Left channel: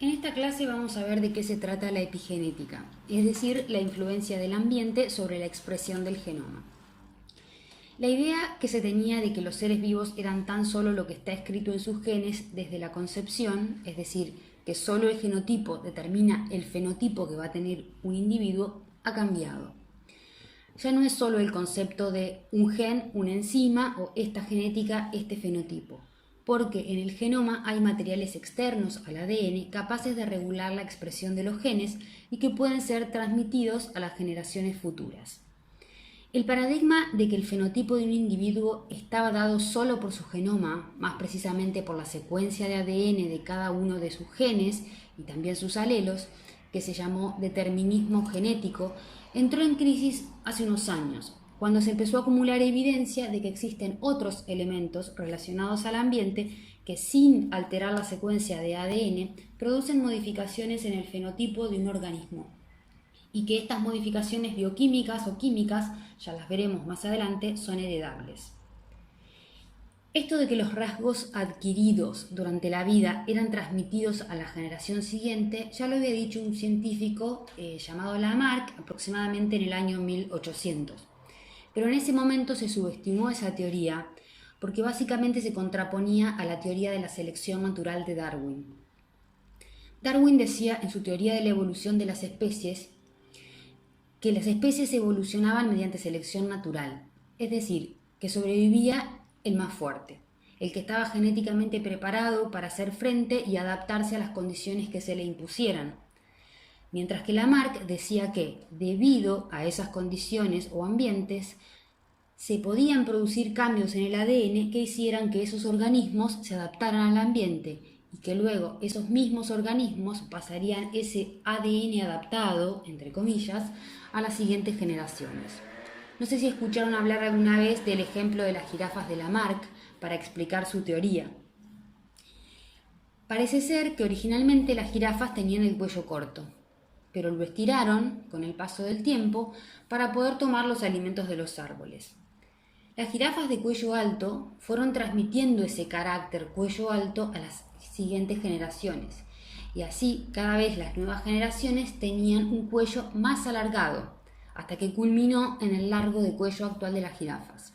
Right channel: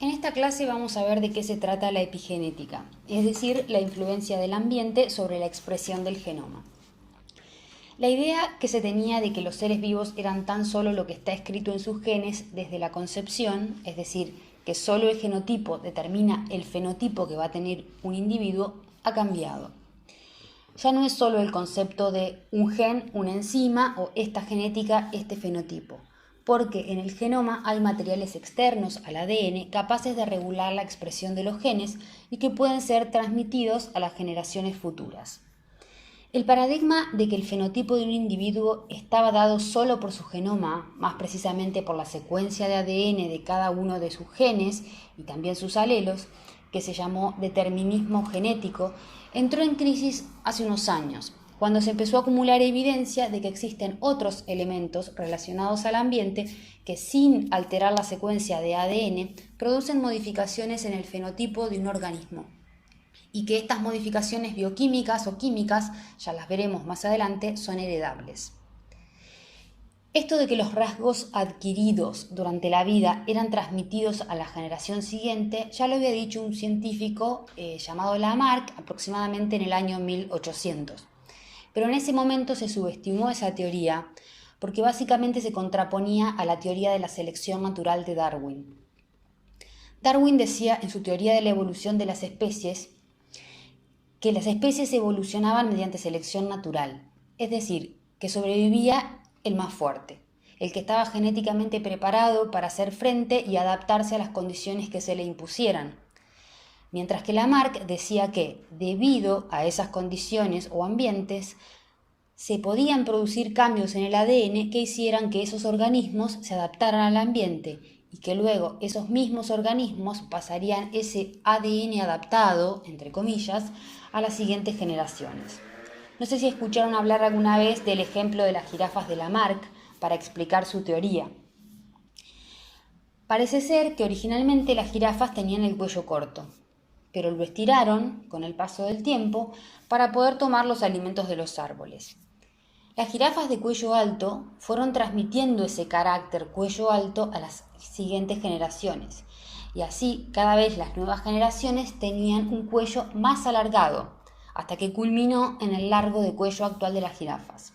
En esta clase vamos a ver de qué se trata la epigenética, es decir, la influencia del ambiente sobre la expresión del genoma. La idea que se tenía de que los seres vivos eran tan solo lo que está escrito en sus genes desde la concepción, es decir, que solo el genotipo determina el fenotipo que va a tener un individuo, ha cambiado. Ya no es solo el concepto de un gen, una enzima o esta genética, este fenotipo, porque en el genoma hay materiales externos al ADN capaces de regular la expresión de los genes y que pueden ser transmitidos a las generaciones futuras. El paradigma de que el fenotipo de un individuo estaba dado solo por su genoma, más precisamente por la secuencia de ADN de cada uno de sus genes y también sus alelos, que se llamó determinismo genético, entró en crisis hace unos años, cuando se empezó a acumular evidencia de que existen otros elementos relacionados al ambiente que, sin alterar la secuencia de ADN, producen modificaciones en el fenotipo de un organismo, y que estas modificaciones bioquímicas o químicas, ya las veremos más adelante, son heredables. Esto de que los rasgos adquiridos durante la vida eran transmitidos a la generación siguiente, ya lo había dicho un científico llamado Lamarck aproximadamente en el año 1800. Pero en ese momento se subestimó esa teoría porque básicamente se contraponía a la teoría de la selección natural de Darwin. Darwin decía en su teoría de la evolución de las especies que las especies evolucionaban mediante selección natural, es decir, que sobrevivía el más fuerte, el que estaba genéticamente preparado para hacer frente y adaptarse a las condiciones que se le impusieran. Mientras que Lamarck decía que, debido a esas condiciones o ambientes, se podían producir cambios en el ADN que hicieran que esos organismos se adaptaran al ambiente y que luego esos mismos organismos pasarían ese ADN adaptado, entre comillas, a las siguientes generaciones. No sé si escucharon hablar alguna vez del ejemplo de las jirafas de Lamarck para explicar su teoría. Parece ser que originalmente las jirafas tenían el cuello corto, pero lo estiraron con el paso del tiempo para poder tomar los alimentos de los árboles. Las jirafas de cuello alto fueron transmitiendo ese carácter cuello alto a las siguientes generaciones, y así cada vez las nuevas generaciones tenían un cuello más alargado, hasta que culminó en el largo de cuello actual de las jirafas.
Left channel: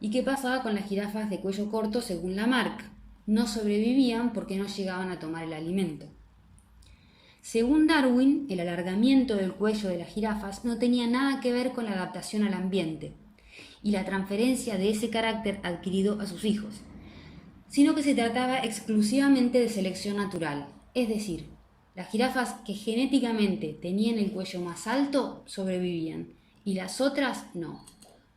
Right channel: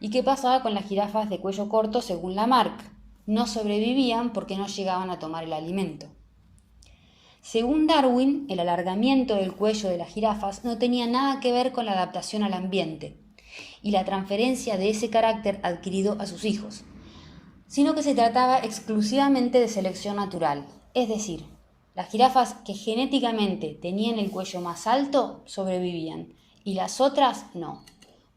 ¿Y qué pasaba con las jirafas de cuello corto según Lamarck? No sobrevivían porque no llegaban a tomar el alimento. Según Darwin, el alargamiento del cuello de las jirafas no tenía nada que ver con la adaptación al ambiente y la transferencia de ese carácter adquirido a sus hijos, sino que se trataba exclusivamente de selección natural, es decir, las jirafas que genéticamente tenían el cuello más alto sobrevivían y las otras no.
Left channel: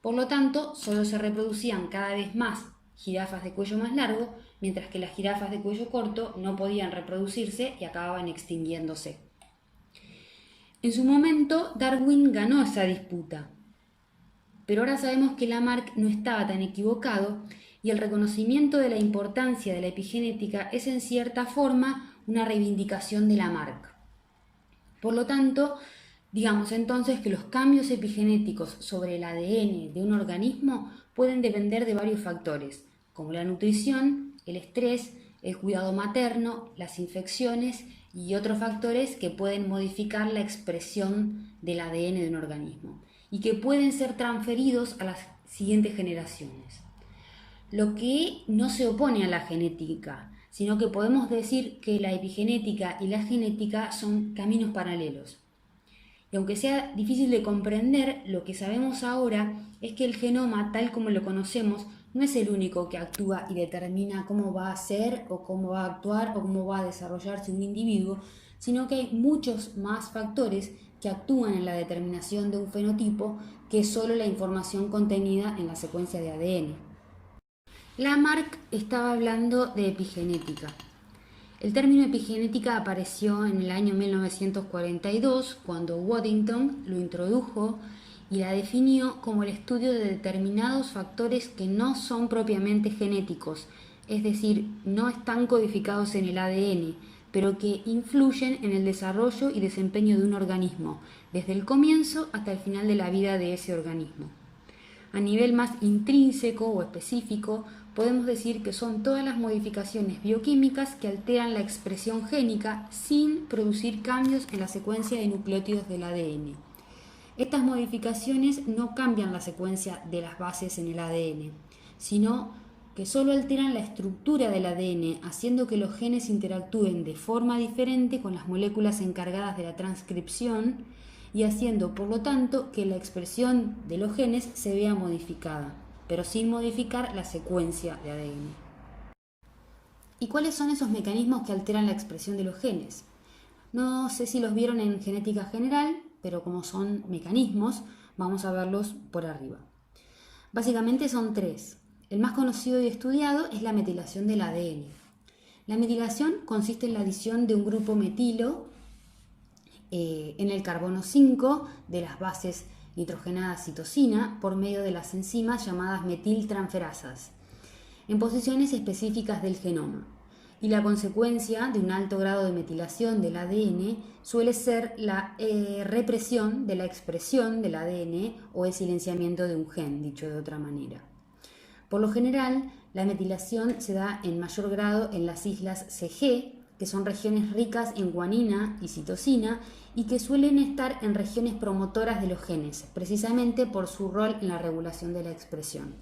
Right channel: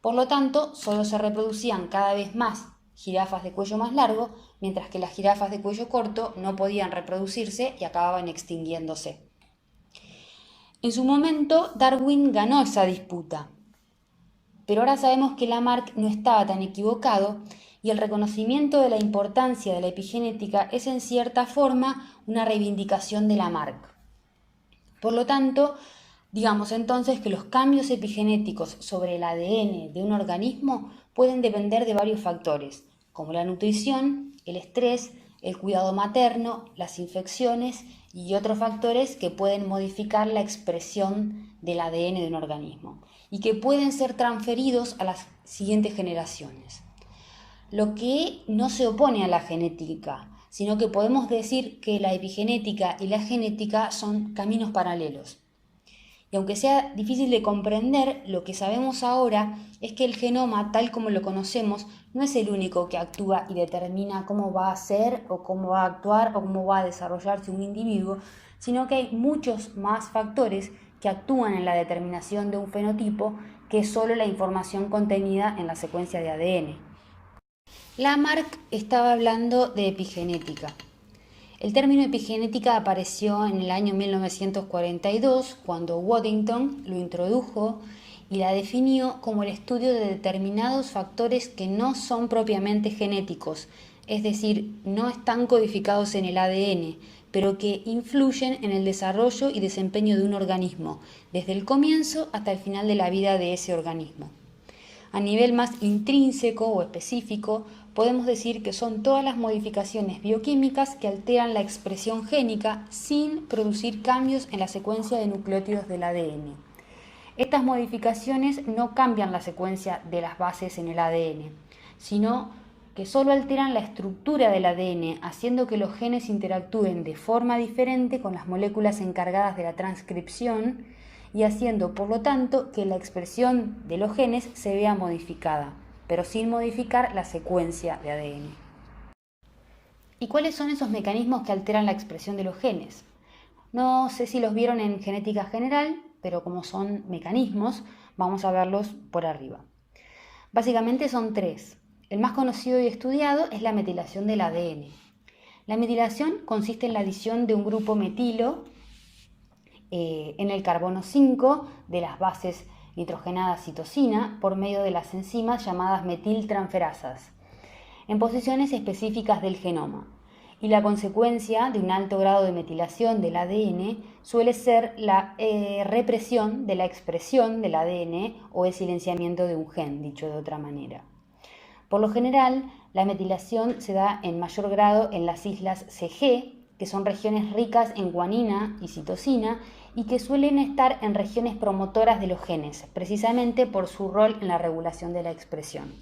Por lo tanto, solo se reproducían cada vez más jirafas de cuello más largo, mientras que las jirafas de cuello corto no podían reproducirse y acababan extinguiéndose. En su momento, Darwin ganó esa disputa, pero ahora sabemos que Lamarck no estaba tan equivocado y el reconocimiento de la importancia de la epigenética es en cierta forma una reivindicación de Lamarck. Por lo tanto, digamos entonces que los cambios epigenéticos sobre el ADN de un organismo pueden depender de varios factores, como la nutrición, el estrés, el cuidado materno, las infecciones y otros factores que pueden modificar la expresión del ADN de un organismo y que pueden ser transferidos a las siguientes generaciones. Lo que no se opone a la genética, sino que podemos decir que la epigenética y la genética son caminos paralelos. Y aunque sea difícil de comprender, lo que sabemos ahora es que el genoma, tal como lo conocemos, no es el único que actúa y determina cómo va a ser o cómo va a actuar o cómo va a desarrollarse un individuo, sino que hay muchos más factores que actúan en la determinación de un fenotipo que solo la información contenida en la secuencia de ADN. Lamarck estaba hablando de epigenética. El término epigenética apareció en el año 1942, cuando Waddington lo introdujo y la definió como el estudio de determinados factores que no son propiamente genéticos, es decir, no están codificados en el ADN, pero que influyen en el desarrollo y desempeño de un organismo, desde el comienzo hasta el final de la vida de ese organismo. A nivel más intrínseco o específico, podemos decir que son todas las modificaciones bioquímicas que alteran la expresión génica sin producir cambios en la secuencia de nucleótidos del ADN. Estas modificaciones no cambian la secuencia de las bases en el ADN, sino que solo alteran la estructura del ADN, haciendo que los genes interactúen de forma diferente con las moléculas encargadas de la transcripción y haciendo, por lo tanto, que la expresión de los genes se vea modificada, pero sin modificar la secuencia de ADN. ¿Y cuáles son esos mecanismos que alteran la expresión de los genes? No sé si los vieron en genética general, pero como son mecanismos, vamos a verlos por arriba. Básicamente son tres. El más conocido y estudiado es la metilación del ADN. La metilación consiste en la adición de un grupo metilo en el carbono 5 de las bases nitrogenadas citosina por medio de las enzimas llamadas metiltransferasas en posiciones específicas del genoma. Y la consecuencia de un alto grado de metilación del ADN suele ser la represión de la expresión del ADN o el silenciamiento de un gen, dicho de otra manera. Por lo general, la metilación se da en mayor grado en las islas CG, que son regiones ricas en guanina y citosina y que suelen estar en regiones promotoras de los genes, precisamente por su rol en la regulación de la expresión.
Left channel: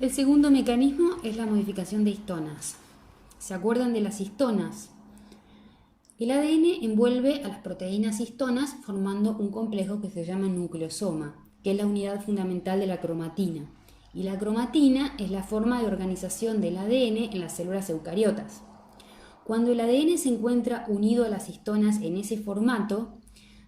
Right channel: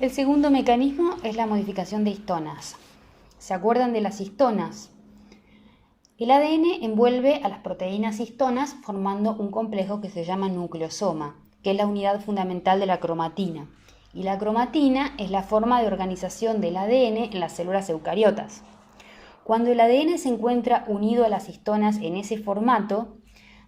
El segundo mecanismo es la modificación de histonas. ¿Se acuerdan de las histonas? El ADN envuelve a las proteínas histonas formando un complejo que se llama nucleosoma, que es la unidad fundamental de la cromatina. Y la cromatina es la forma de organización del ADN en las células eucariotas. Cuando el ADN se encuentra unido a las histonas en ese formato,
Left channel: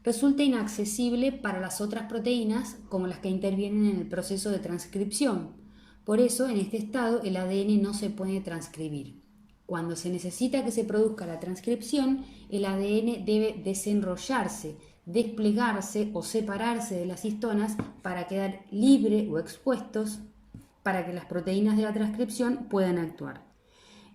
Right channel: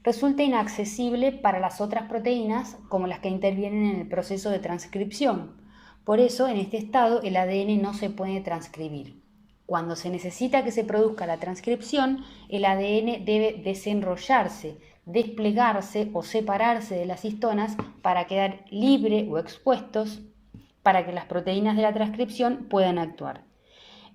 resulta inaccesible para las otras proteínas como las que intervienen en el proceso de transcripción. Por eso, en este estado, el ADN no se puede transcribir. Cuando se necesita que se produzca la transcripción, el ADN debe desenrollarse, desplegarse o separarse de las histonas para quedar libre o expuestos para que las proteínas de la transcripción puedan actuar.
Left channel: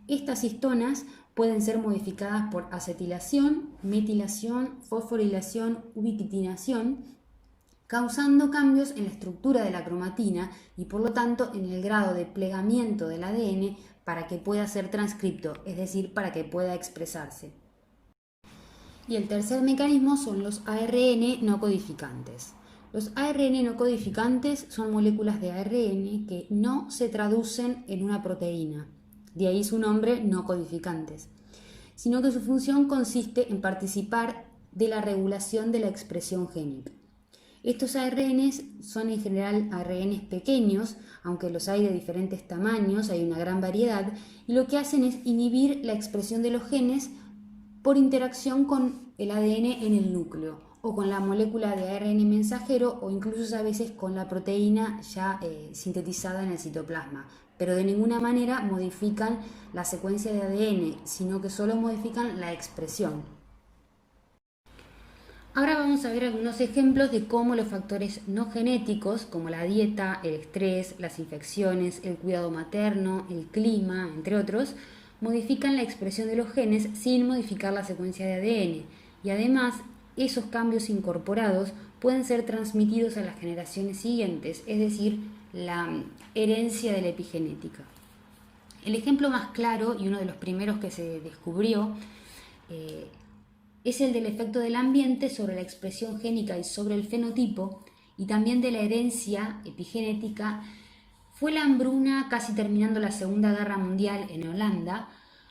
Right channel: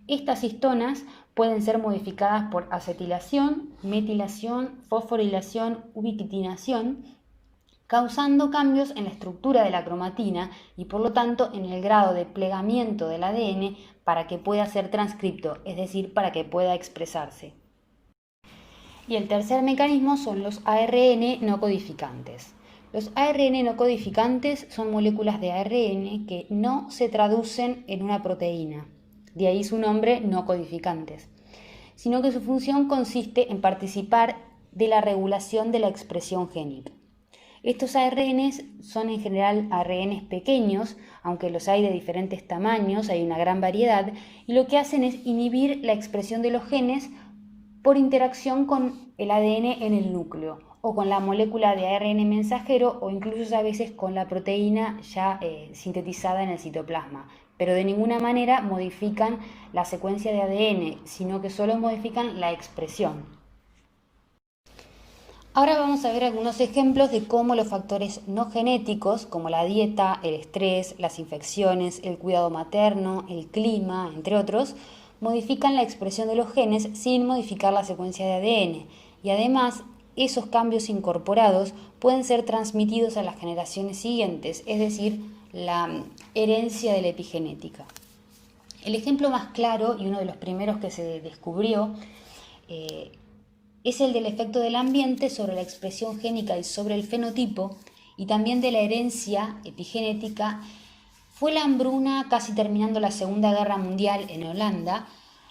Estas histonas pueden ser modificadas por acetilación, metilación, fosforilación, ubiquitinación, causando cambios en la estructura de la cromatina y por lo tanto en el grado de plegamiento del ADN para que pueda ser transcripto, es decir, para que pueda expresarse. Y el tercer mecanismo son los ARN no codificantes. Los ARN no codificantes son moléculas de ARN que no se traducen en una proteína, de ahí su nombre no codificantes, sino que su función consiste en participar de la regulación de la expresión génica. Estos ARNs son en general ARNs pequeños, aunque los hay de diferentes tamaños, hay una gran variedad, y lo que hacen es inhibir la expresión de los genes por interacción con el ADN en el núcleo, o con la molécula de ARN mensajero, o incluso a veces con la proteína ya sintetizada en el citoplasma, pero de ninguna manera modifican la secuencia de ADN, sino que solo modifican la expresión. Ahora vamos a ver algunos ejemplos de cómo los factores no genéticos, como la dieta, el estrés, las infecciones, el cuidado materno, el clima, entre otros, modifican la expresión de los genes sin modificar la secuencia de ADN. Y además, esos cambios incorporados pueden ser transmitidos a las generaciones siguientes, es decir, la herencia de la epigenética. El ejemplo más claro y uno de los primeros que se descubrió es el del efecto del ambiente sobre la expresión génica y sobre el fenotipo, y también de la herencia epigenética. Fue la hambruna casi terminando la Segunda Guerra Mundial en Holanda,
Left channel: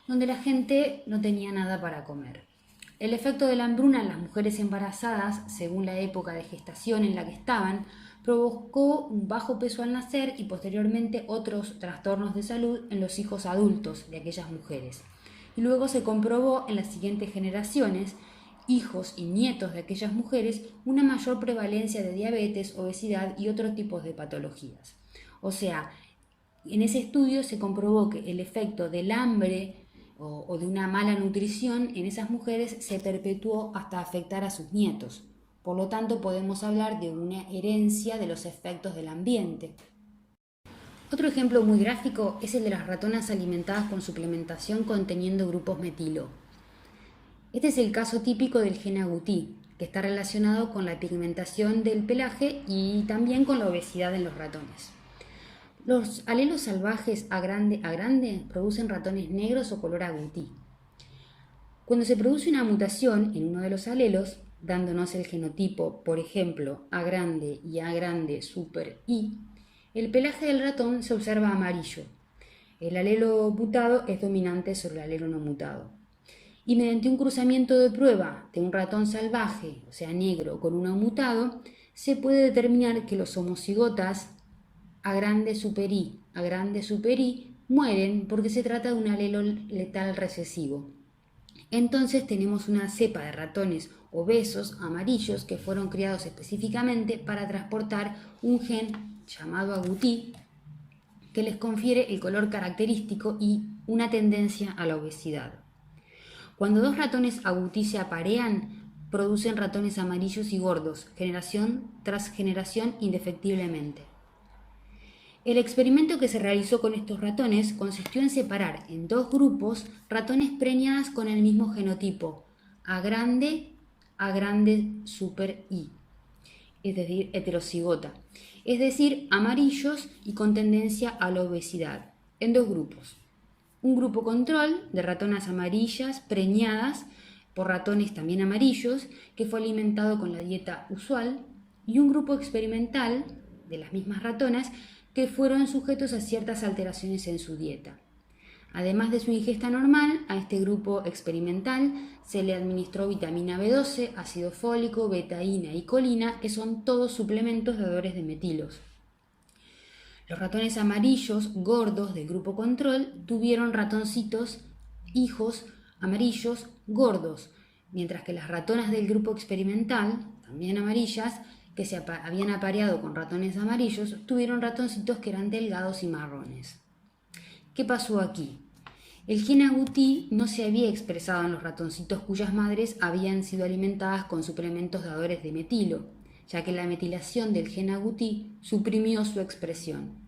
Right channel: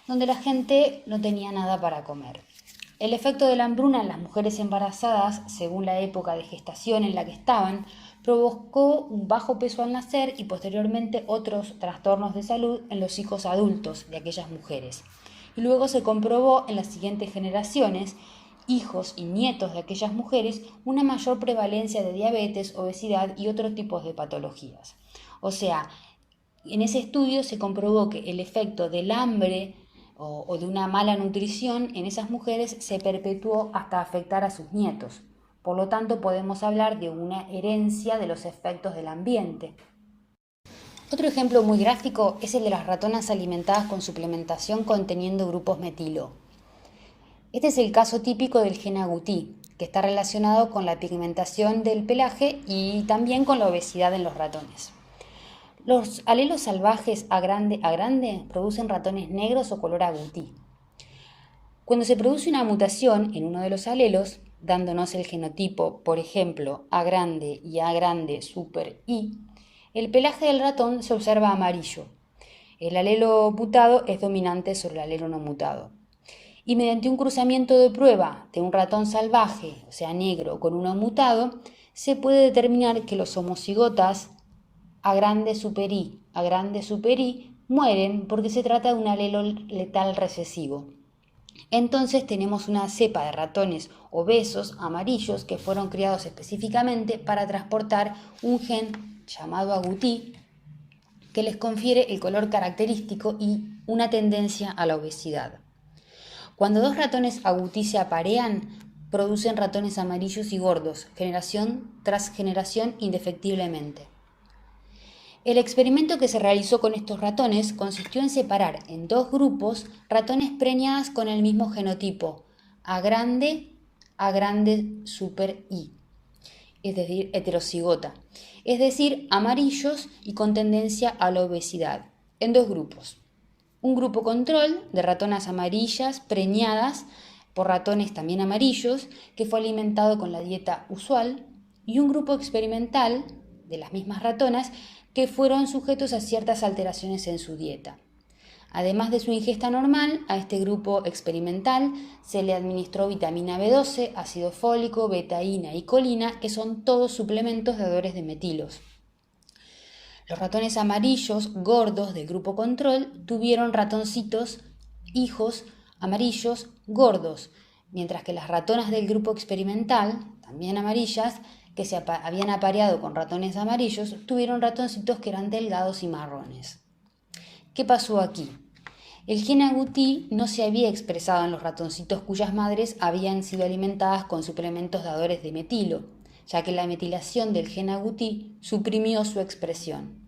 donde la gente no tenía nada para comer. El efecto de la hambruna en las mujeres embarazadas, según la época de gestación en la que estaban, provocó un bajo peso al nacer y posteriormente otros trastornos de salud en los hijos adultos de aquellas mujeres. Y luego se comprobó en las siguientes generaciones, hijos y nietos de aquellas mujeres, una mayor prevalencia de diabetes, obesidad y otros tipos de patologías. O sea, en ese estudio se comprobó que el efecto del hambre o de una mala nutrición en esas mujeres se perpetuó hasta afectar a sus nietos. Por lo tanto, podemos hablar de una herencia de los efectos del ambiente. Otro ejemplo muy gráfico es el de las ratonas alimentadas con suplementación conteniendo grupos metilo. Este es el caso típico del gen agouti, que está relacionado con la pigmentación del pelaje y también con la obesidad en los ratones. Los alelos salvajes A grande producen ratones negros o color agutí. Cuando se produce una mutación en uno de los alelos, dándonos el genotipo, por ejemplo, A grande y A grande super I, el pelaje del ratón se observa amarillo. El alelo mutado es dominante sobre el alelo no mutado. Y mediante un cruzamiento de prueba de un ratón salvaje, o sea negro, con uno mutado, se puede determinar que los homocigotas A grande super I mueren porque se trata de un alelo letal recesivo. Entonces tenemos una cepa de ratones obesos amarillos que fueron criados específicamente para transportar un gen llamado agutí que les confiere el color característico y una tendencia a la obesidad. Cuando dos ratones agutí se aparean, producen ratones amarillos y gordos, generación tras generación indefectiblemente. El experimento que se realizó con estos ratones consistió en separar en dos grupos ratones preñadas con el mismo genotipo, A grande super I, es decir, heterocigota, es decir, amarillos y con tendencia a la obesidad, en dos grupos. Un grupo control de ratonas amarillas preñadas por ratones también amarillos, que fue alimentado con la dieta usual, y un grupo experimental de las mismas ratonas que fueron sujetos a ciertas alteraciones en su dieta. Además de su ingesta normal, a este grupo experimental se le administró vitamina B12, ácido fólico, betaína y colina, que son todos suplementos dadores de metilos. Los ratones amarillos gordos del grupo control tuvieron ratoncitos hijos amarillos gordos, mientras que las ratonas del grupo experimental, también amarillas, que se habían apareado con ratones amarillos, tuvieron ratoncitos que eran delgados y marrones. ¿Qué pasó aquí? El gen agutí no se había expresado en los ratoncitos cuyas madres habían sido alimentadas con suplementos dadores de metilo, ya que la metilación del gen agutí suprimió su expresión.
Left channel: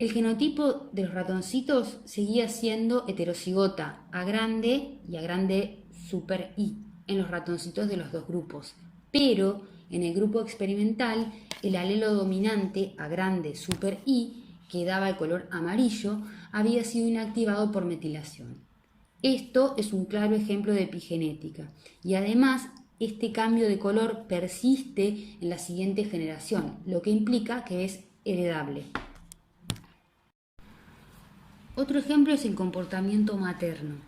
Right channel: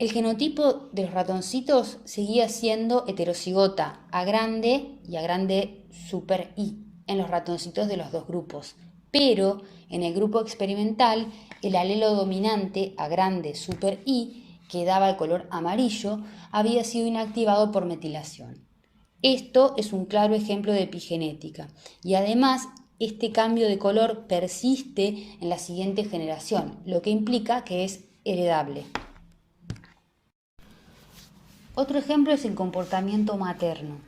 El genotipo de los ratoncitos seguía siendo heterocigota, A grande y A grande super I, en los ratoncitos de los dos grupos, pero en el grupo experimental el alelo dominante A grande super I, que daba el color amarillo, había sido inactivado por metilación. Esto es un claro ejemplo de epigenética y además este cambio de color persiste en la siguiente generación, lo que implica que es heredable. Otro ejemplo es el comportamiento materno.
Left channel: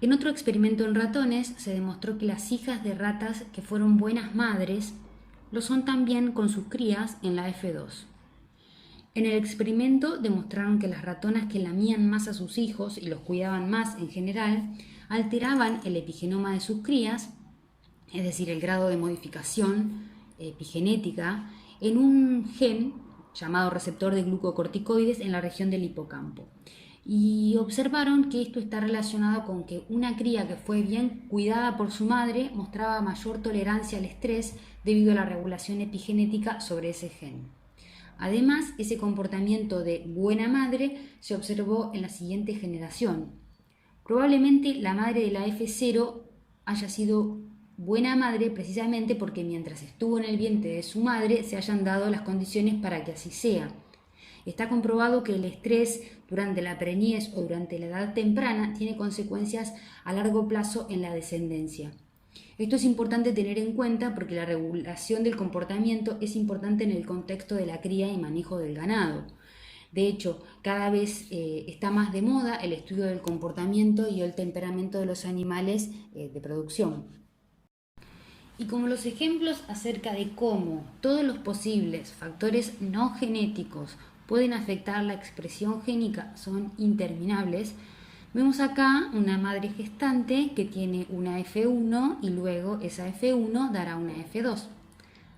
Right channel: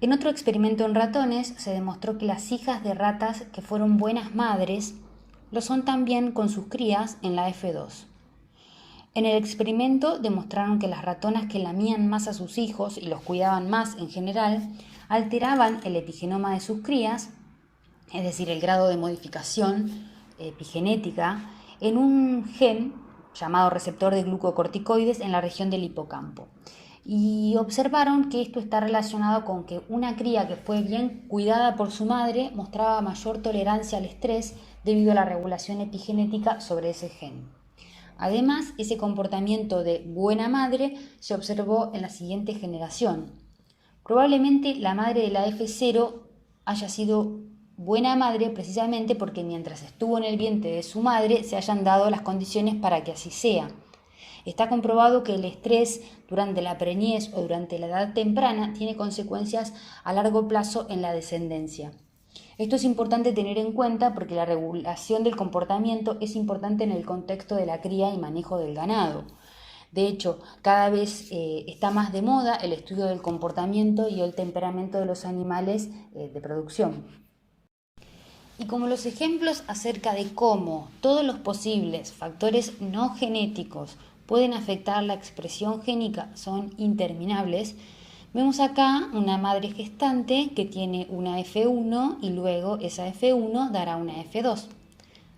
En otro experimento en ratones se demostró que las hijas de ratas que fueron buenas madres lo son también con sus crías en la F2. En el experimento demostraron que las ratonas que lamían más a sus hijos y los cuidaban más en general alteraban el epigenoma de sus crías, es decir, el grado de modificación epigenética, en un gen llamado receptor de glucocorticoides en la región del hipocampo. Y observaron que esto está relacionado con que una cría que fue bien cuidada por su madre mostraba mayor tolerancia al estrés debido a la regulación epigenética sobre ese gen. Además, ese comportamiento de buena madre se observó en la siguiente generación. Probablemente la madre de la F0 haya sido buena madre precisamente porque mientras estuvo en el vientre de su madre se hayan dado las condiciones para que así sea. Está comprobado que el estrés durante la preñez o durante la edad temprana tiene consecuencias a largo plazo en la descendencia. Esto es importante tener en cuenta porque la regulación del comportamiento es importante en el contexto de la cría y manejo del ganado. De hecho, cada vez está más de moda el estudio del comportamiento y el temperamento de los animales de producción. Y como los ejemplos acerca de cómo todos los posibles factores no genéticos pueden afectar la expresión génica son interminables, vemos acá una madre gestante que tiene una F1 y luego esa F1 dará una F2.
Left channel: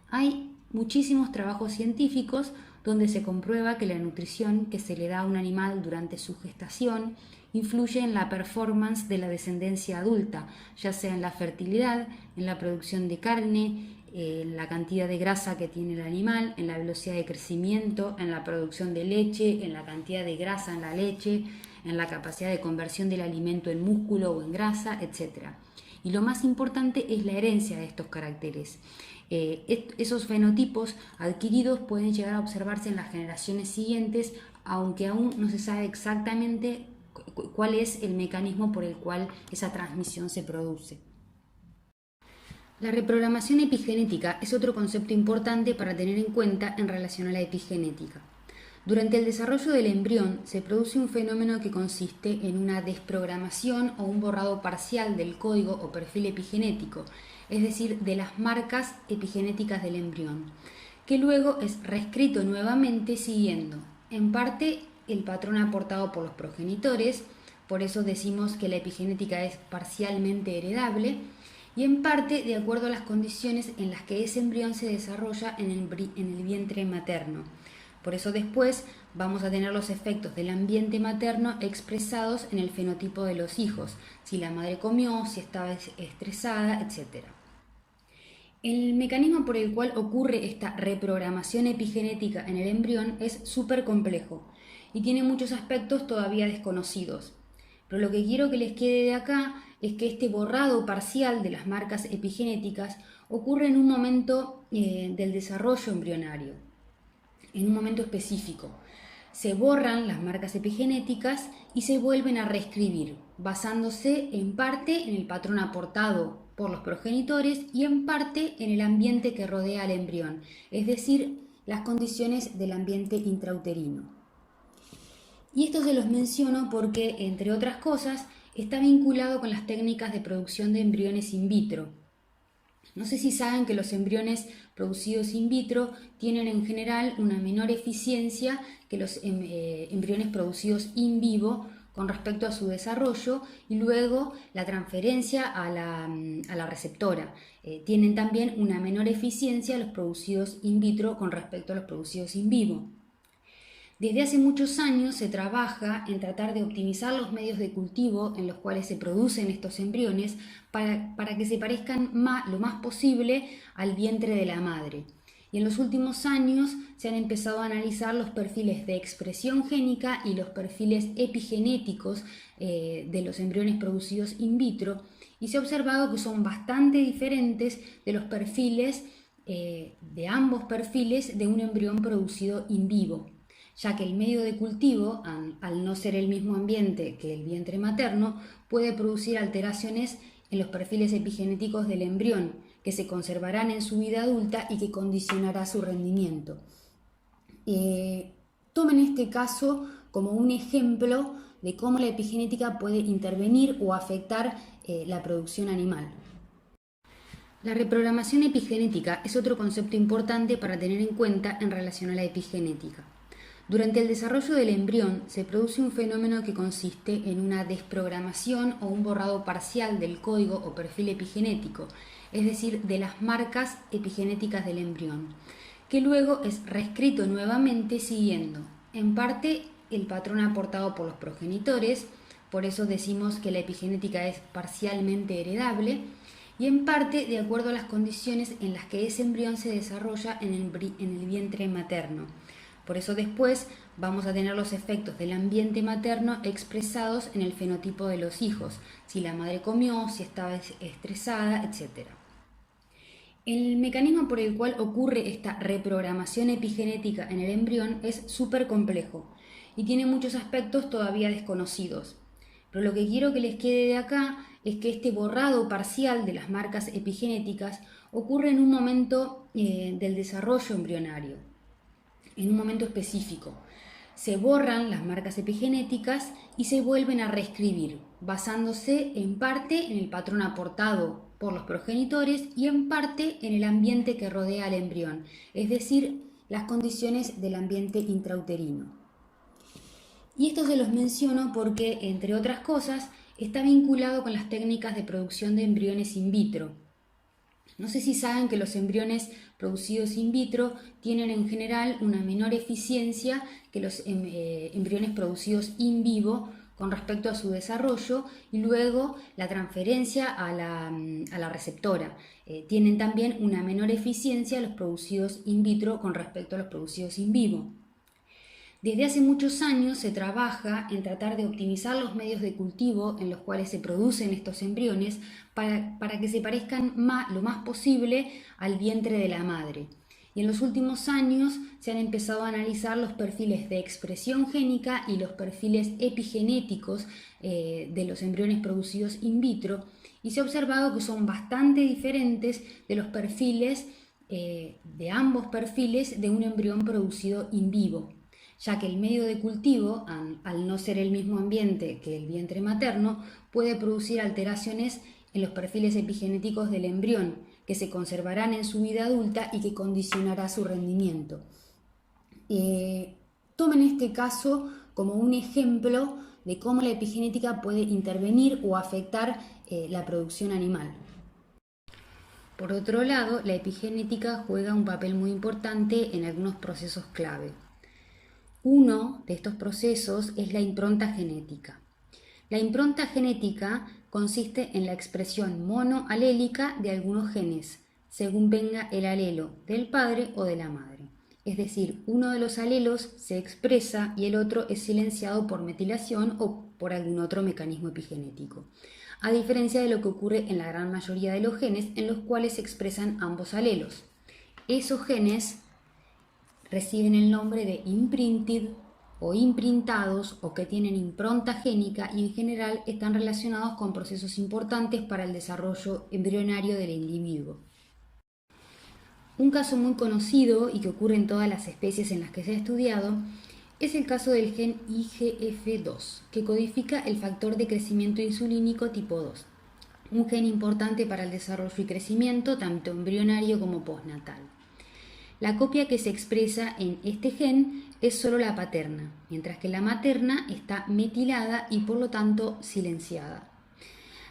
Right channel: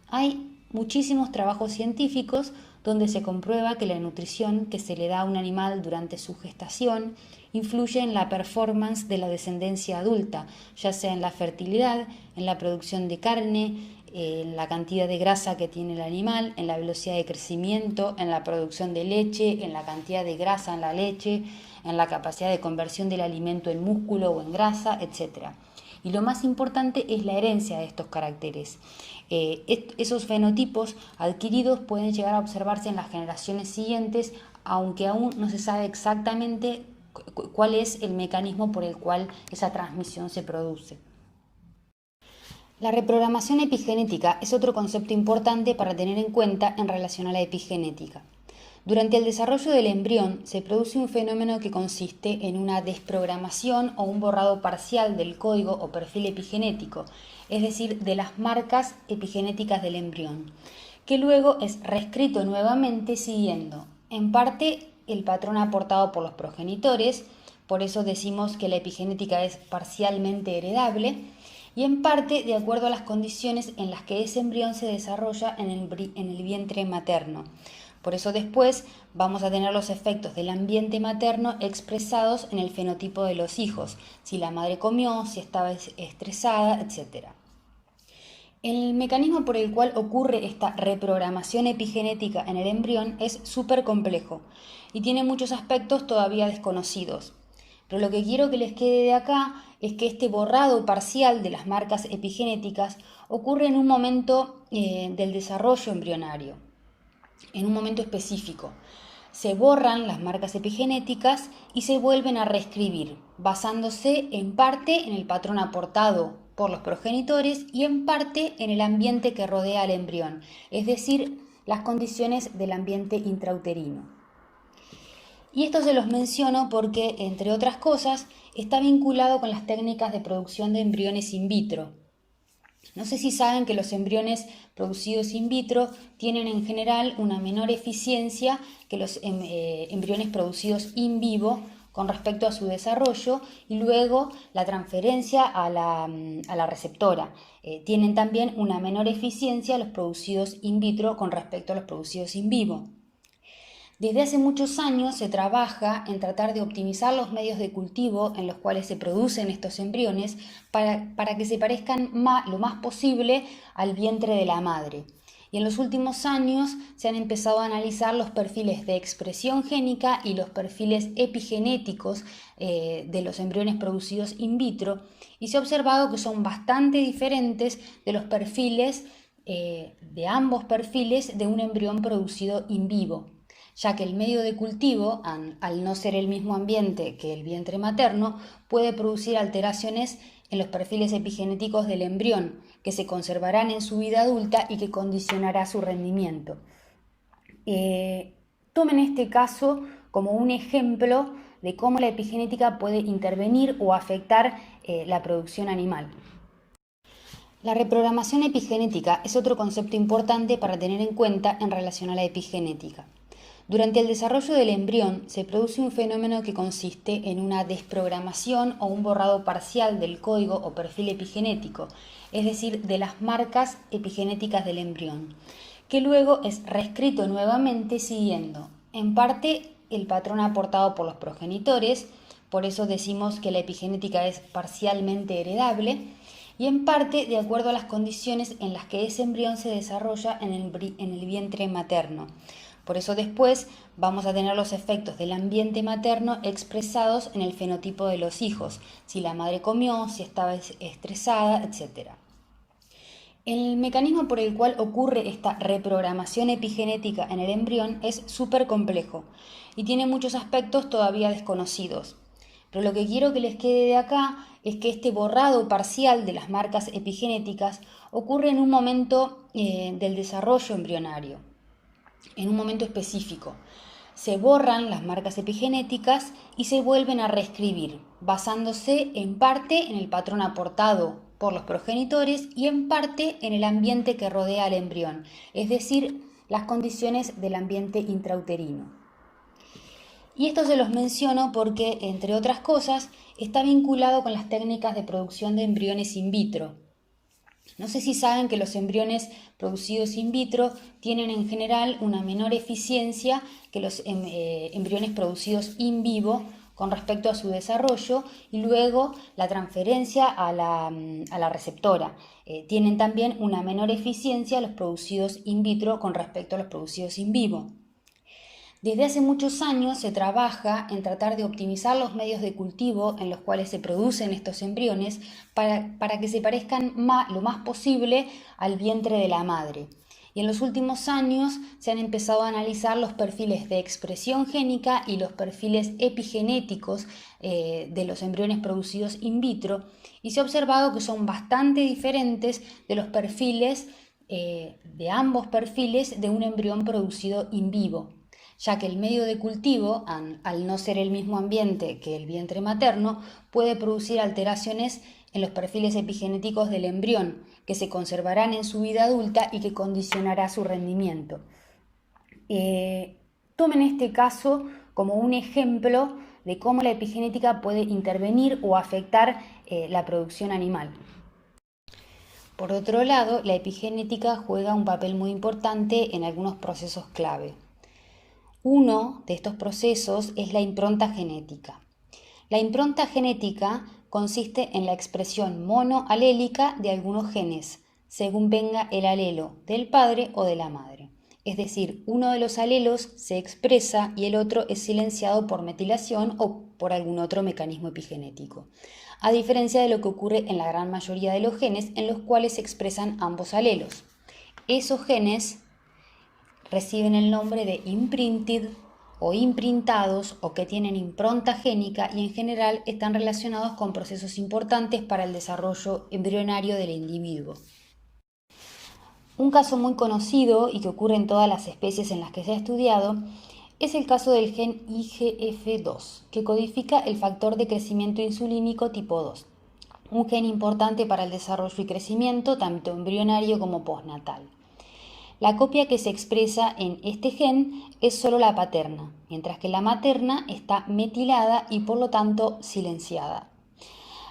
Hay muchísimos trabajos científicos donde se comprueba que la nutrición que se le da a un animal durante su gestación influye en la performance de la descendencia adulta, ya sea en la fertilidad, en la producción de carne, en la cantidad de grasa que tiene el animal, en la velocidad de crecimiento, en la producción de leche, en la cantidad de grasa en la leche, en la capacidad de conversión del alimento en músculo o en grasa, etc. Y lo más importante es la herencia de estos caracteres. Esos fenotipos adquiridos pueden llegar a observarse en las generaciones siguientes, aunque aún no se sabe exactamente cuál es el mecanismo por el cual esa transmisión se produce. La reprogramación epigenética es otro concepto importante para tener en cuenta en relación a la epigenética. Durante el desarrollo del embrión se produce un fenómeno que consiste en una desprogramación o un borrado parcial del código o perfil epigenético, es decir, de las marcas epigenéticas del embrión, que luego es reescrito nuevamente siguiendo, en parte, el patrón aportado por los progenitores, por eso decimos que la epigenética es parcialmente heredable, y en parte de acuerdo a las condiciones en las que ese embrión se desarrolla en el vientre materno. Por eso después vamos a tener los efectos del ambiente materno expresados en el fenotipo de los hijos, si la madre comió, si estaba estresada, etc. El mecanismo por el cual ocurre esta reprogramación epigenética en el embrión es súper complejo y tiene muchos aspectos todavía desconocidos. Pero lo que quiero que les quede de acá es que este borrado parcial de las marcas epigenéticas ocurre en un momento del desarrollo embrionario, en un momento específico. Se borran las marcas epigenéticas y se vuelven a reescribir, basándose en parte en el patrón aportado por los progenitores y en parte en el ambiente que rodea al embrión, es decir, las condiciones del ambiente intrauterino. Y esto se los menciono porque, entre otras cosas, está vinculado con las técnicas de producción de embriones in vitro. No sé si saben que los embriones producidos in vitro tienen en general una menor eficiencia que los embriones producidos in vivo con respecto a su desarrollo y luego la transferencia a la receptora. Tienen también una menor eficiencia los producidos in vitro con respecto a los producidos in vivo. Desde hace muchos años se trabaja en tratar de optimizar los medios de cultivo en los cuales se producen estos embriones para que se parezcan lo más posible al vientre de la madre. Y en los últimos años se han empezado a analizar los perfiles de expresión génica y los perfiles epigenéticos de los embriones producidos in vitro y se ha observado que son bastante diferentes de los perfiles, de ambos perfiles de un embrión producido in vivo, ya que el medio de cultivo, al no ser el mismo ambiente que el vientre materno, puede producir alteraciones en los perfiles epigenéticos del embrión, que se conservarán en su vida adulta y que condicionará su rendimiento. Tomen este caso como un ejemplo de cómo la epigenética puede intervenir o afectar la producción animal. La reprogramación epigenética es otro concepto importante para tener en cuenta en relación a la epigenética. Durante el desarrollo del embrión se produce un fenómeno que consiste en una desprogramación o un borrado parcial del código o perfil epigenético, es decir, de las marcas epigenéticas del embrión, que luego es reescrito nuevamente siguiendo, en parte, el patrón aportado por los progenitores, por eso decimos que la epigenética es parcialmente heredable, y en parte de acuerdo a las condiciones en las que ese embrión se desarrolla en el vientre materno. Por eso después vamos a tener los efectos del ambiente materno expresados en el fenotipo de los hijos, si la madre comió, si estaba estresada, etc. El mecanismo por el cual ocurre esta reprogramación epigenética en el embrión es súper complejo y tiene muchos aspectos todavía desconocidos. Pero lo que quiero que les quede de acá es que este borrado parcial de las marcas epigenéticas ocurre en un momento del desarrollo embrionario, en un momento específico. Se borran las marcas epigenéticas y se vuelven a reescribir, basándose en parte en el patrón aportado por los progenitores y en parte en el ambiente que rodea al embrión, es decir, las condiciones del ambiente intrauterino. Y esto se los menciono porque, entre otras cosas, está vinculado con las técnicas de producción de embriones in vitro. No sé si saben que los embriones producidos in vitro tienen en general una menor eficiencia que los embriones producidos in vivo con respecto a su desarrollo y luego la transferencia a la receptora. Tienen también una menor eficiencia los producidos in vitro con respecto a los producidos in vivo. Desde hace muchos años se trabaja en tratar de optimizar los medios de cultivo en los cuales se producen estos embriones para que se parezcan lo más posible al vientre de la madre. Y en los últimos años se han empezado a analizar los perfiles de expresión génica y los perfiles epigenéticos de los embriones producidos in vitro, y se ha observado que son bastante diferentes de los perfiles, de ambos perfiles de un embrión producido in vivo, ya que el medio de cultivo, al no ser el mismo ambiente que el vientre materno, puede producir alteraciones en los perfiles epigenéticos del embrión, que se conservarán en su vida adulta y que condicionará su rendimiento. Tomen este caso como un ejemplo de cómo la epigenética puede intervenir o afectar la producción animal. Por otro lado, la epigenética juega un papel muy importante en algunos procesos clave. Uno de estos procesos es la impronta genética. La impronta genética consiste en la expresión monoalélica de algunos genes, según venga el alelo del padre o de la madre. Es decir, uno de los alelos se expresa y el otro es silenciado por metilación o por algún otro mecanismo epigenético, a diferencia de lo que ocurre en la gran mayoría de los genes en los cuales se expresan ambos alelos. Esos genes reciben el nombre de imprinted o imprintados, o que tienen impronta génica, y en general están relacionados con procesos importantes para el desarrollo embrionario del individuo. Un caso muy conocido y que ocurre en todas las especies en las que se ha estudiado es el caso del gen IGF-2, que codifica el factor de crecimiento insulínico tipo 2, un gen importante para el desarrollo y crecimiento tanto embrionario como postnatal. La copia que se expresa en este gen es solo la paterna, mientras que la materna está metilada y por lo tanto silenciada.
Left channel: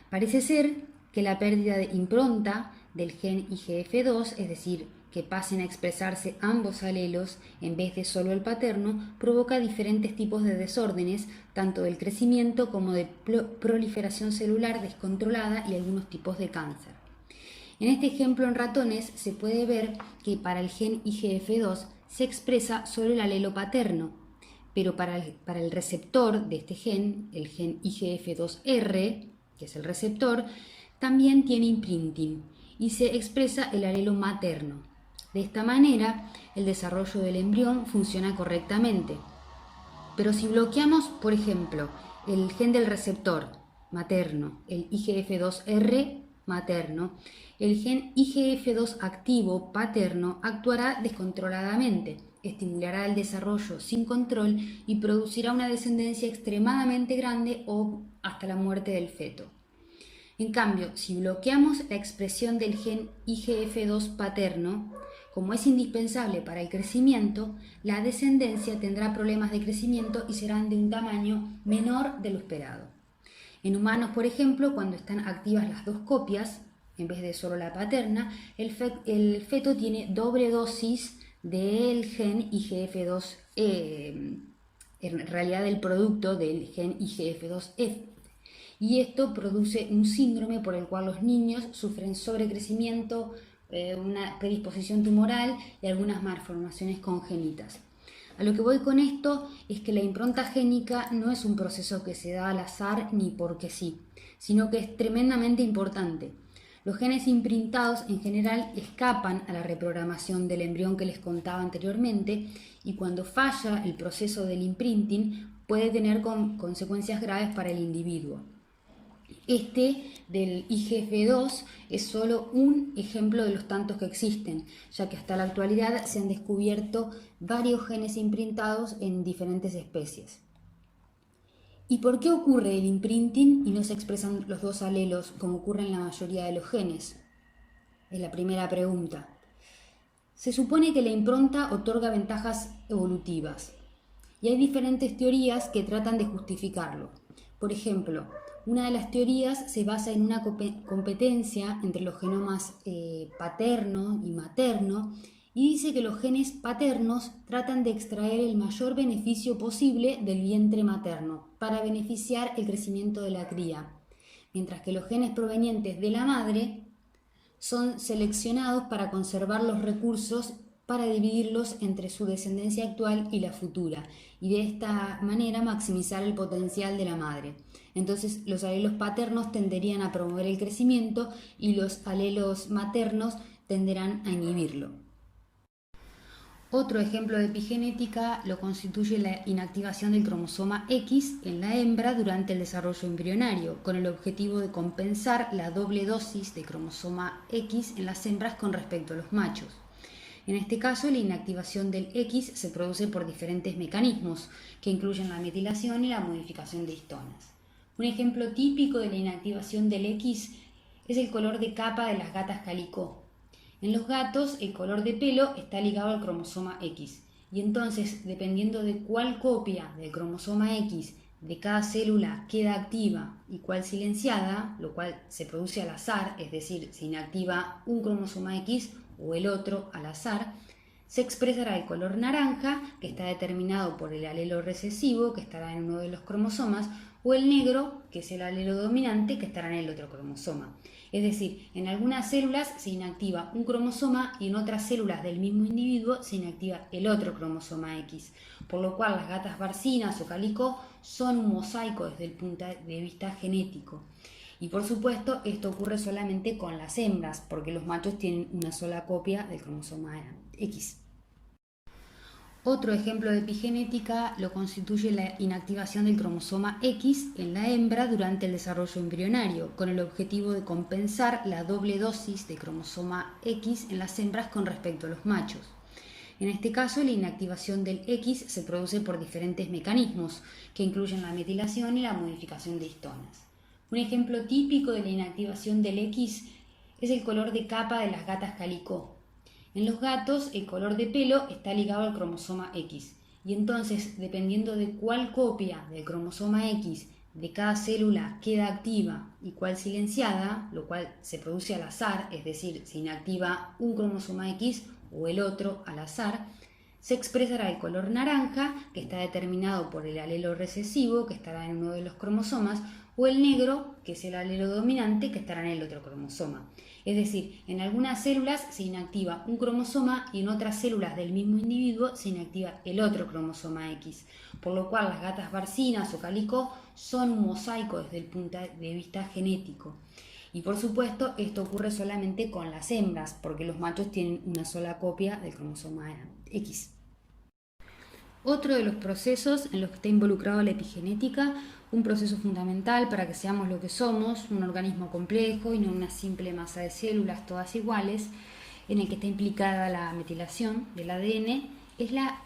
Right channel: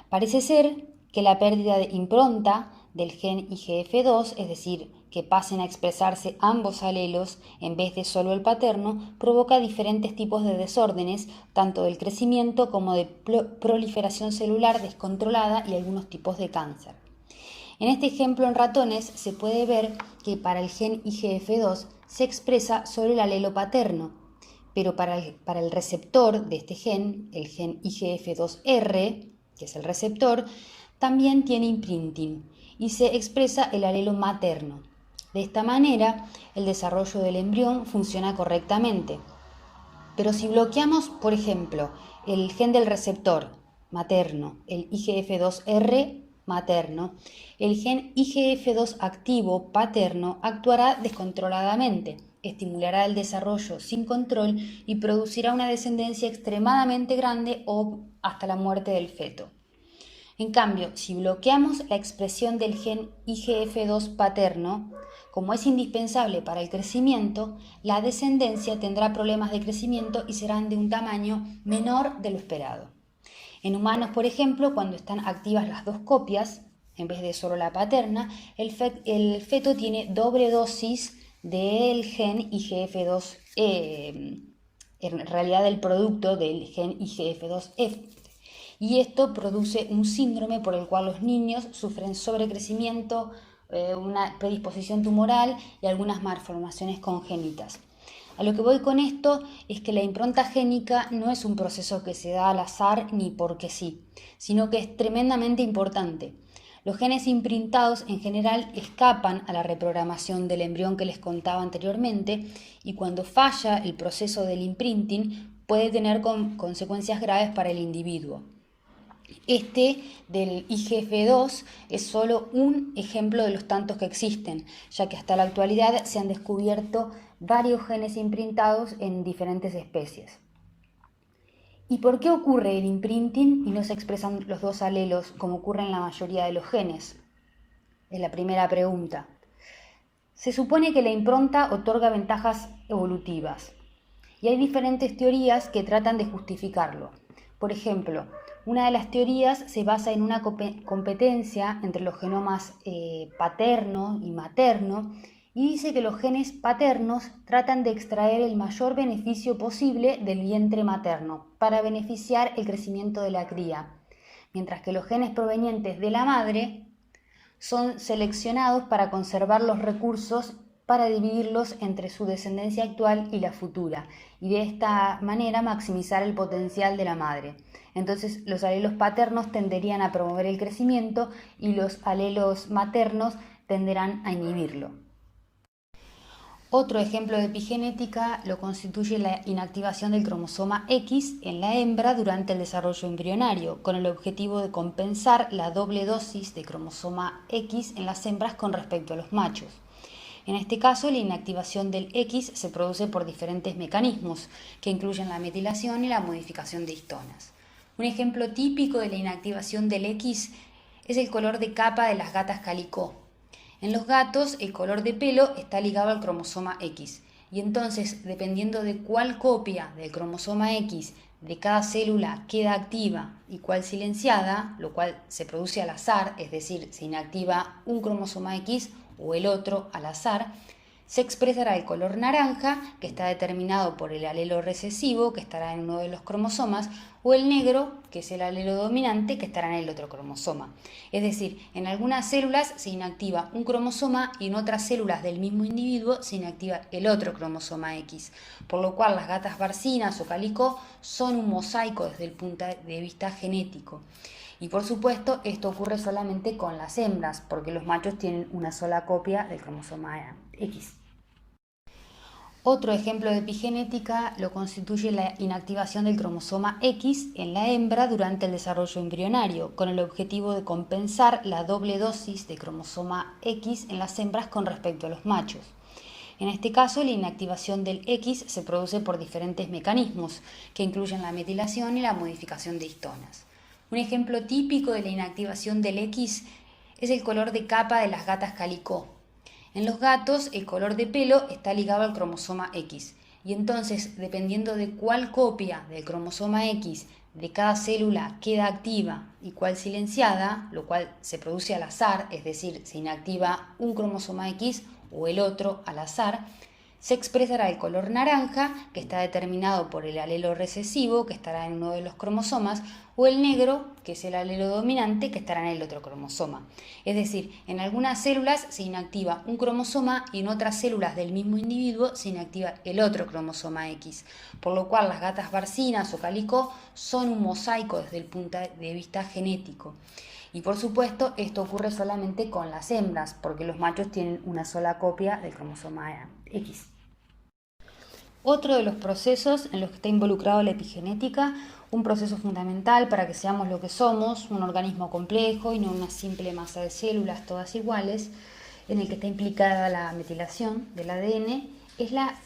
Parece ser que la pérdida de impronta del gen IGF-2, es decir, que pasen a expresarse ambos alelos en vez de solo el paterno, provoca diferentes tipos de desórdenes, tanto del crecimiento como de proliferación celular descontrolada y algunos tipos de cáncer. En este ejemplo en ratones se puede ver que para el gen IGF-2 se expresa solo el alelo paterno, pero para el receptor de este gen, el gen IGF-2R, que es el receptor, también tiene imprinting y se expresa el alelo materno. De esta manera, el desarrollo del embrión funciona correctamente. Pero si bloqueamos, por ejemplo, el gen del receptor materno, el IGF-2R materno, el gen IGF-2 activo paterno actuará descontroladamente, estimulará el desarrollo sin control y producirá una descendencia extremadamente grande o hasta la muerte del feto. En cambio, si bloqueamos la expresión del gen IGF-2 paterno, como es indispensable para el crecimiento, la descendencia tendrá problemas de crecimiento y serán de un tamaño menor de lo esperado. En humanos, por ejemplo, cuando están activas las dos copias, en vez de solo la paterna, el feto tiene doble dosis del gen IGF-2, en realidad del producto del gen IGF-2F. Y esto produce un síndrome por el cual los niños sufren sobrecrecimiento, una predisposición tumoral y algunas malformaciones congénitas. A lo que voy con esto es que la impronta génica no es un proceso que se da al azar ni porque sí, sino que es tremendamente importante. Los genes imprintados en general escapan a la reprogramación del embrión que les contaba anteriormente, y cuando falla el proceso del imprinting puede tener consecuencias graves para el individuo. Este del IGF-2 es solo un ejemplo de los tantos que existen, ya que hasta la actualidad se han descubierto varios genes imprintados en diferentes especies. ¿Y por qué ocurre el imprinting y no se expresan los dos alelos como ocurre en la mayoría de los genes? Es la primera pregunta. Se supone que la impronta otorga ventajas evolutivas y hay diferentes teorías que tratan de justificarlo. Por ejemplo, una de las teorías se basa en una competencia entre los genomas paterno y materno, y dice que los genes paternos tratan de extraer el mayor beneficio posible del vientre materno para beneficiar el crecimiento de la cría, mientras que los genes provenientes de la madre son seleccionados para conservar los recursos para dividirlos entre su descendencia actual y la futura, y de esta manera maximizar el potencial de la madre. Entonces, los alelos paternos tenderían a promover el crecimiento y los alelos maternos tenderán a inhibirlo. Otro ejemplo de epigenética lo constituye la inactivación del cromosoma X en la hembra durante el desarrollo embrionario, con el objetivo de compensar la doble dosis de cromosoma X en las hembras con respecto a los machos. En este caso, la inactivación del X se produce por diferentes mecanismos, que incluyen la metilación y la modificación de histonas. Un ejemplo típico de la inactivación del X es el color de capa de las gatas calicó. En los gatos, el color de pelo está ligado al cromosoma X, y entonces, dependiendo de cuál copia del cromosoma X de cada célula queda activa y cuál silenciada, lo cual se produce al azar, es decir, se inactiva un cromosoma X o el otro al azar, se expresará el color naranja, que está determinado por el alelo recesivo, que estará en uno de los cromosomas, o el negro, que es el alelo dominante, que estará en el otro cromosoma. Es decir, en algunas células se inactiva un cromosoma y en otras células del mismo individuo se inactiva el otro cromosoma X, por lo cual las gatas barcinas o calicó son un mosaico desde el punto de vista genético. Y por supuesto, esto ocurre solamente con las hembras, porque los machos tienen una sola copia del cromosoma X. Otro ejemplo de epigenética lo constituye la inactivación del cromosoma X en la hembra durante el desarrollo embrionario, con el objetivo de compensar la doble dosis de cromosoma X en las hembras con respecto a los machos. En este caso, la inactivación del X se produce por diferentes mecanismos, que incluyen la metilación y la modificación de histonas. Un ejemplo típico de la inactivación del X es el color de capa de las gatas calicó. En los gatos, el color de pelo está ligado al cromosoma X, y entonces, dependiendo de cuál copia del cromosoma X de cada célula queda activa y cuál silenciada, lo cual se produce al azar, es decir, se inactiva un cromosoma X o el otro al azar, se expresará el color naranja, que está determinado por el alelo recesivo, que estará en uno de los cromosomas, o el negro, que es el alelo dominante, que estará en el otro cromosoma. Es decir, en algunas células se inactiva un cromosoma y en otras células del mismo individuo se inactiva el otro cromosoma X, por lo cual las gatas barcinas o calicó son un mosaico desde el punto de vista genético. Y por supuesto, esto ocurre solamente con las hembras, porque los machos tienen una sola copia del cromosoma X. Otro de los procesos en los que está involucrado la epigenética, un proceso fundamental para que seamos lo que somos, un organismo complejo y no una simple masa de células todas iguales, en el que está implicada la metilación del ADN, es la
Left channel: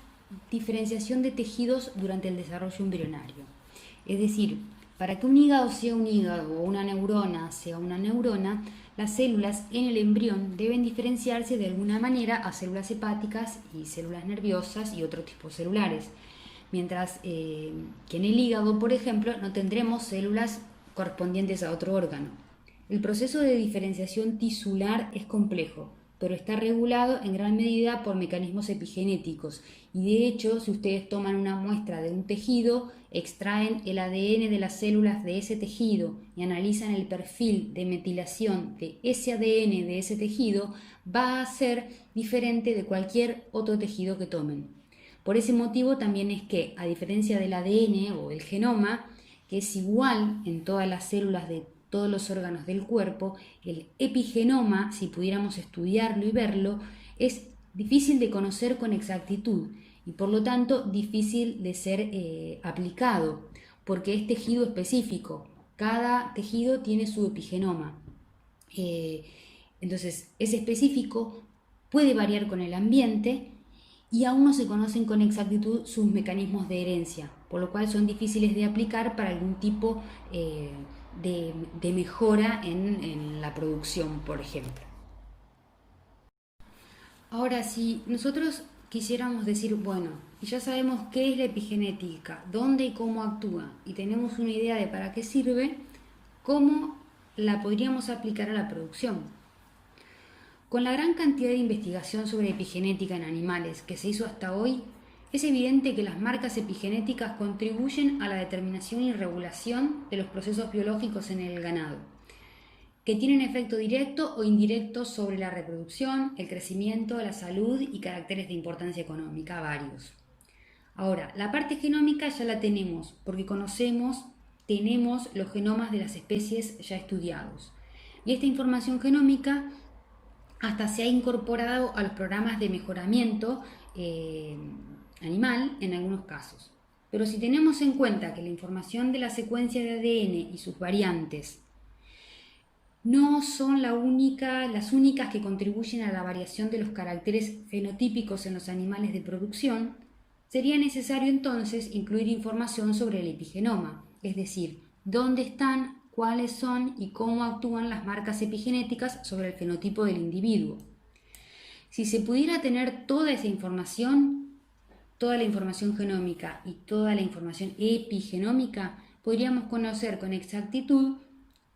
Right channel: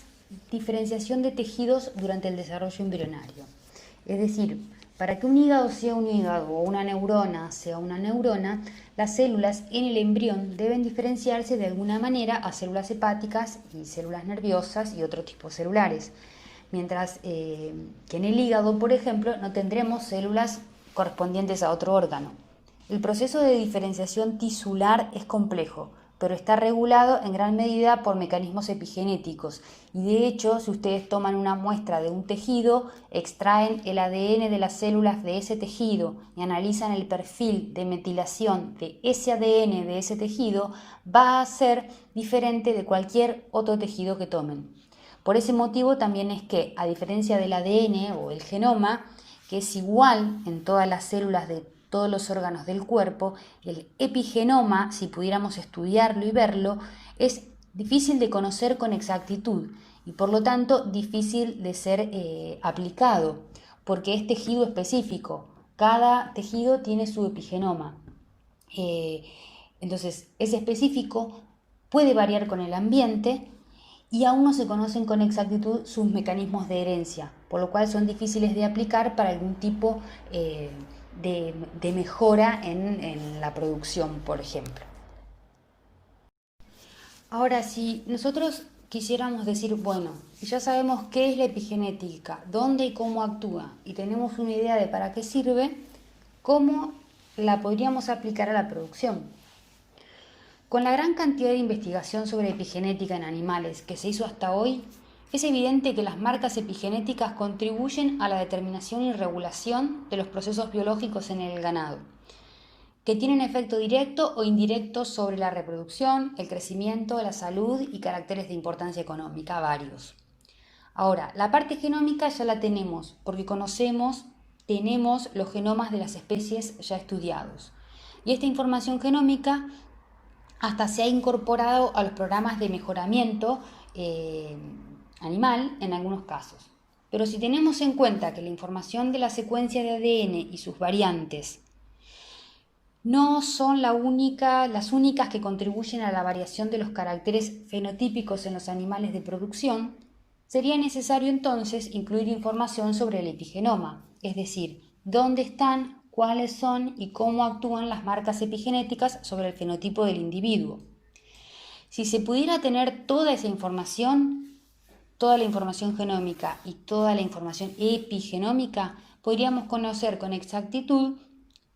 diferenciación de tejidos durante el desarrollo embrionario. Es decir, para que un hígado sea un hígado o una neurona sea una neurona, las células en el embrión deben diferenciarse de alguna manera a células hepáticas y células nerviosas y otros tipos celulares. Mientras que en el hígado, por ejemplo, no tendremos células correspondientes a otro órgano. El proceso de diferenciación tisular es complejo, pero está regulado en gran medida por mecanismos epigenéticos. Y de hecho, si ustedes toman una muestra de un tejido, extraen el ADN de las células de ese tejido y analizan el perfil de metilación de ese ADN de ese tejido, va a ser diferente de cualquier otro tejido que tomen. Por ese motivo también es que, a diferencia del ADN o el genoma, que es igual en todas las células de todos los órganos del cuerpo, el epigenoma, si pudiéramos estudiarlo y verlo, es difícil de conocer con exactitud y por lo tanto difícil de ser aplicado, porque es tejido específico. Cada tejido tiene su epigenoma. Entonces, es específico, puede variar con el ambiente y aún no se conocen con exactitud sus mecanismos de herencia, por lo cual son difíciles de aplicar para algún tipo de mejora en la producción, por ejemplo. Ahora, si nosotros quisiéramos decir, bueno, ya sabemos qué es la epigenética, dónde y cómo actúa, y tenemos una idea de para qué sirve, ¿cómo la podríamos aplicar a la producción? Con la gran cantidad de investigación sobre epigenética en animales que se hizo hasta hoy, es evidente que las marcas epigenéticas contribuyen a la determinación y regulación de los procesos biológicos en el ganado. que tienen efecto directo o indirecto sobre la reproducción, el crecimiento, la salud y caracteres de importancia económica, varios. Ahora, la parte genómica ya la tenemos porque tenemos los genomas de las especies ya estudiados. Y esta información genómica hasta se ha incorporado a los programas de mejoramiento animal en algunos casos. Pero si tenemos en cuenta que la información de la secuencia de ADN y sus variantes no son las únicas que contribuyen a la variación de los caracteres fenotípicos en los animales de producción, sería necesario entonces incluir información sobre el epigenoma, es decir, dónde están, cuáles son y cómo actúan las marcas epigenéticas sobre el fenotipo del individuo. Si se pudiera tener toda esa información, toda la información genómica y toda la información epigenómica, podríamos conocer con exactitud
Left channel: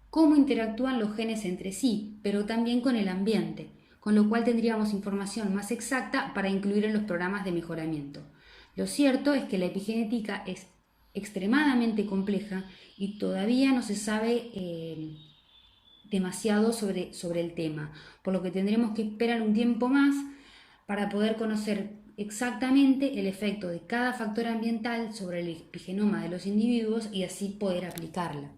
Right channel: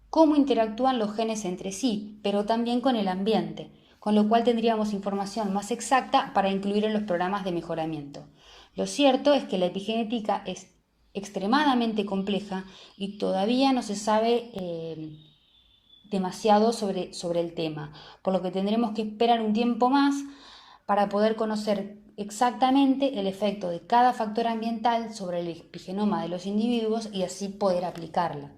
cómo interactúan los genes entre sí, pero también con el ambiente, con lo cual tendríamos información más exacta para incluir en los programas de mejoramiento. Lo cierto es que la epigenética es extremadamente compleja y todavía no se sabe demasiado sobre el tema, por lo que tendremos que esperar un tiempo más para poder conocer exactamente el efecto de cada factor ambiental sobre el epigenoma de los individuos y así poder aplicarla.